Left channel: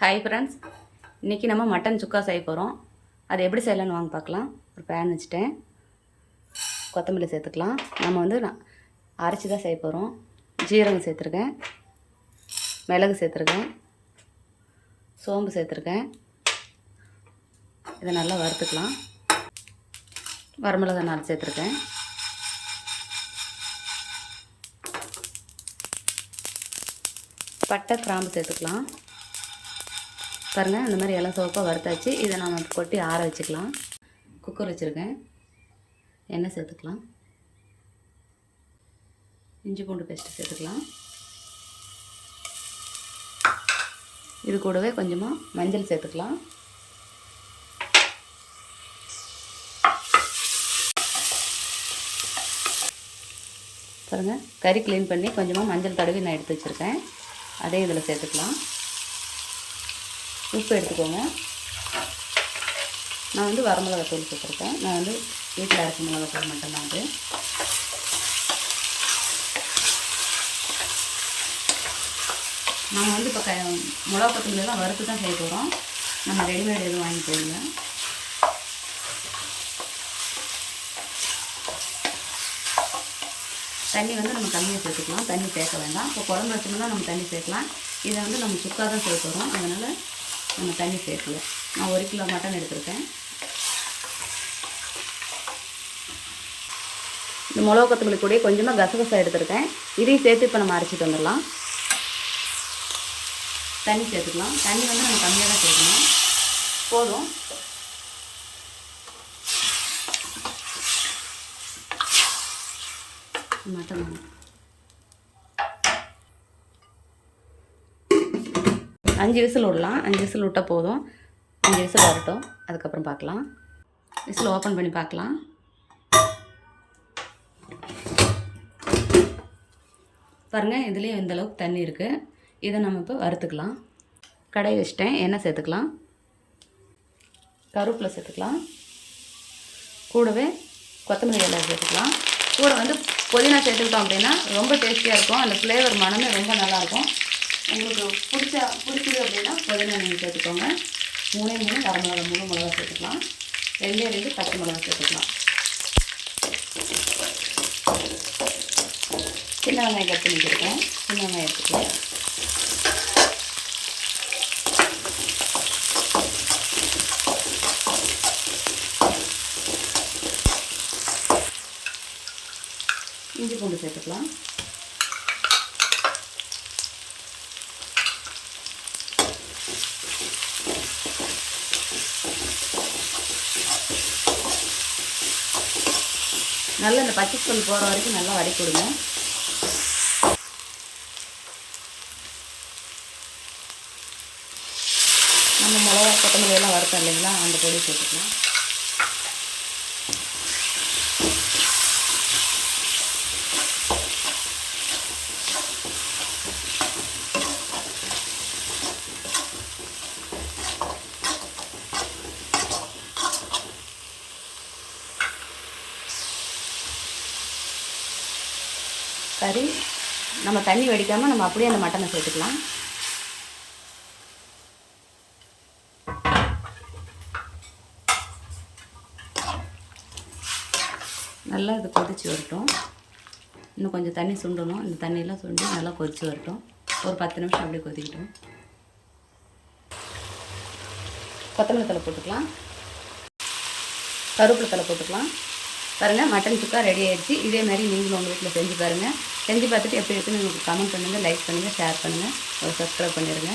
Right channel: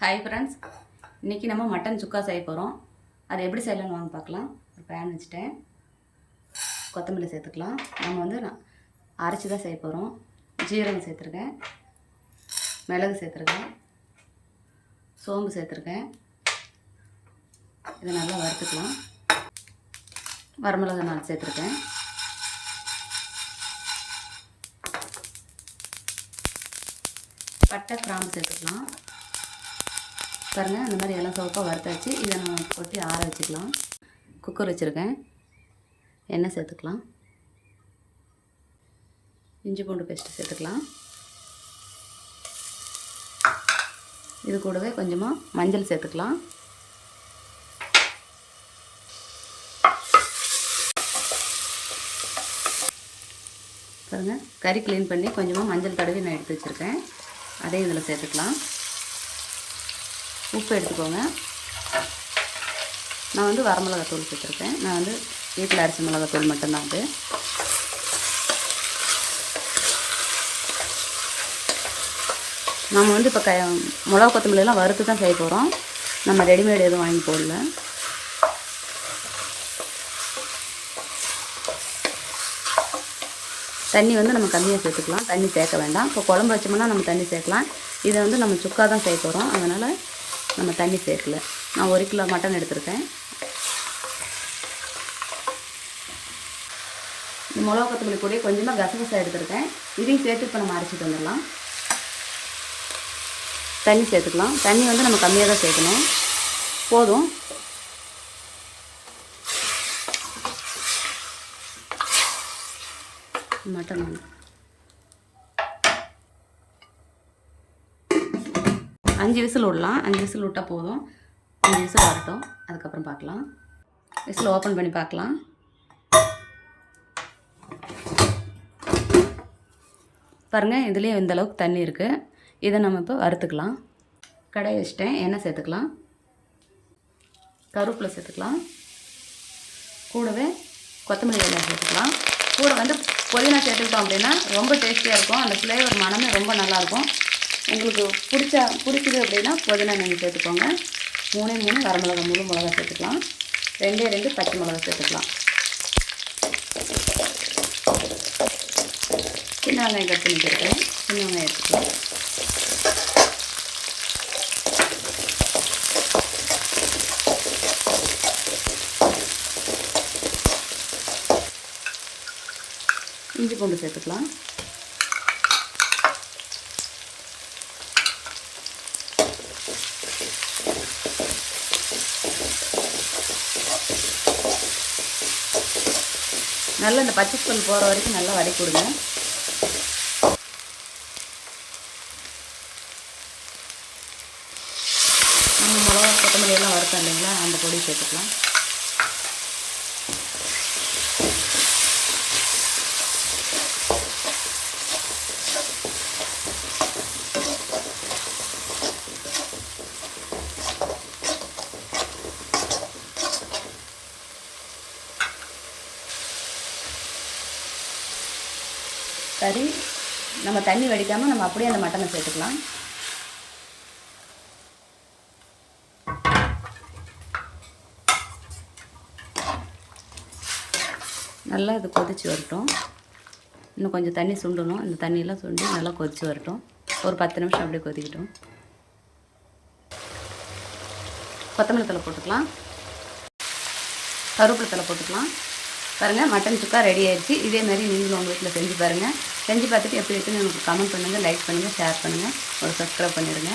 Hi friends, இன்றைக்கி நம்ம mutton சுக்கா செய்ய போகிறோம். அது எப்படி செய்யலான்னு வாங்க பார்க்கலாம். ஒரு பேன் வச்சுட்டேன், கொத்தமல்லி சேர்த்துக்கலாம். நம்ம அரைச்சி தான் செய்ய போகிறோம். ஜீரகம் சேர்த்துருக்கேன், மிளகு சேர்த்துருக்கேன், சோம்பு சேர்த்துருக்கேன். இதை நல்லா வறுத்துக்கலாம். வரமிளகாய் 4 சேர்த்துருக்கேன். பட்டை கிராம்பு சேர்த்துக்கலாம். பாருங்கள், இந்த மாதிரி எல்லாம் சோப்பாக வறுத்தாச்சு. இதை நம்ம கொட்டி ஆற வச்சுக்கலாம். குக்கர் வச்சுருக்கேன், எண்ணெய் சேர்த்துக்கலாம். இஞ்சி பூண்டு பேஸ்ட்டு சேர்த்துக்கலாம். இது கூடவே கொஞ்சமாக மஞ்சள் சேர்த்துக்கலாம். பாருங்கள், கறி க்ளீன் பண்ணி கொஞ்சமாக மஞ்சள் தடவி நான் எடுத்து வச்சுருக்கேன். அதே இதில் சேர்த்துக்கலாம். உப்பு எடுத்துக்கோங்க. நான் வரமிளகாத்தூள் சேர்த்துருக்கேன். நான் வீட்டில் அரிசி மிளகாத்தூள் மட்டும்தான். அது நம்ம இப்போ மிளகா கொத்தமல்லியெல்லாம் வறுத்து தான் செய்ய போகிறோம். நம்ம ரெடிமேட் எதுவும் வாங்கி போடல. தண்ணி நம்ம கம்மியாக சேர்த்துக்கலாம். தண்ணி சேர்க்க வேண்டாம். இப்போ குழம்பு வச்சோம்னா நம்ம தண்ணி சேர்க்கலாம். இதை நம்ம சுக்கா தான் செய்ய போகிறோம். அதனால் நம்ம தண்ணி சேர்க்கல. நான் 1 கிலோ மட்டன் எடுத்திருக்கேன். இந்த மிளகா கொத்தமல்லி கூட கொஞ்சமாக கசகசா எடுத்திருக்கேன். இதையும் சேர்த்து இப்போ நம்ம அரைச்சிட்டு வந்துடலாம். தண்ணி சேர்த்துக்கலாம். தண்ணி நம்ம கம்மியாக தான் சேர்க்கணும். போதும். மட்டன் 5 விசில் விடலாம். 5 விசில் விட்டால் போதும். 5 விசில் வரட்டும், அதுக்கப்புறம் பார்க்கலாம். விசில் ஓப்பன் பண்ணி பார்க்கலாம். பாருங்கள், இதுலேயே இந்தளவுக்கு தண்ணி இருக்குது. இதை நம்ம இப்போ வறுத்துக்கலாம். கடாய் வச்சுட்டேன், எண்ணெய் சேர்த்துக்கலாம். கருவேப்பிலை சேர்த்துக்கலாம். கூடவே கொத்தமல்லி இலை சேர்த்துக்கலாம். கூட புதினா சேர்த்துக்கிட்டோம் அப்படின்னா ரொம்ப டேஸ்டியாக இருக்கும். அந்த ஃப்ளேவர் மனமே ரொம்ப நல்லாயிருக்கும். உங்களுக்கு பிடிச்சிது அப்படின்னா புதினா நீங்கள் சேர்த்துக்கோங்க. 3 வரமிளகா, முழு மிளகா சேர்த்துக்கலாம். 2 பச்சை மிளகா சேர்த்துக்கலாம். சின்ன வெங்காயம் கட் பண்ணி கொடுக்குறேன். சின்ன வெங்காயம் எடுத்துக்கலாம். இஞ்சி பூண்டு சேர்த்துக்கலாம். நல்லா இந்த பச்சை ஸ்மெல் போகிற வரைக்கும் நல்லா வதக்கி கொடுங்க. நம்ம மிளகா கொத்தமல்லி எல்லாம் வறுத்தோம் இல்லைங்களா, அந்த பொடி சேர்த்துக்கலாம். கறி நம்ம தண்ணி வடிக்காமல் நம்ம அப்படியே அந்த மட்டனை சேர்த்துக்கலாம். நல்லா இது கொதித்து வரட்டும். இன்னும் கொஞ்சம் தண்ணி சுண்டணும். இந்த தண்ணியெல்லாம் சுண்டி நல்லா கொதித்து வரட்டும். ஒரு 10 நிமிஷம் அப்படியே கொதிக்கட்டும். கொத்தமல்லி தழை போட்டுக்கலாம். கருவேப்பிலை தழை போட்டுக்கலாம். பாருங்கள், மட்டன் சுக்கா ரெடி ஆகிடுச்சு. இதே மாதிரி நீங்களும் உங்கள் வீட்டில் செஞ்சு பாருங்கள். செஞ்சு பார்த்துட்டு எப்படி இருக்குன்னு எனக்கு கமெண்ட் பண்ணுங்கள், லைக் பண்ணுங்கள், ஷேர் பண்ணுங்கள், ஒரு சப்ஸ்கிரைப் பண்ணிடுங்க.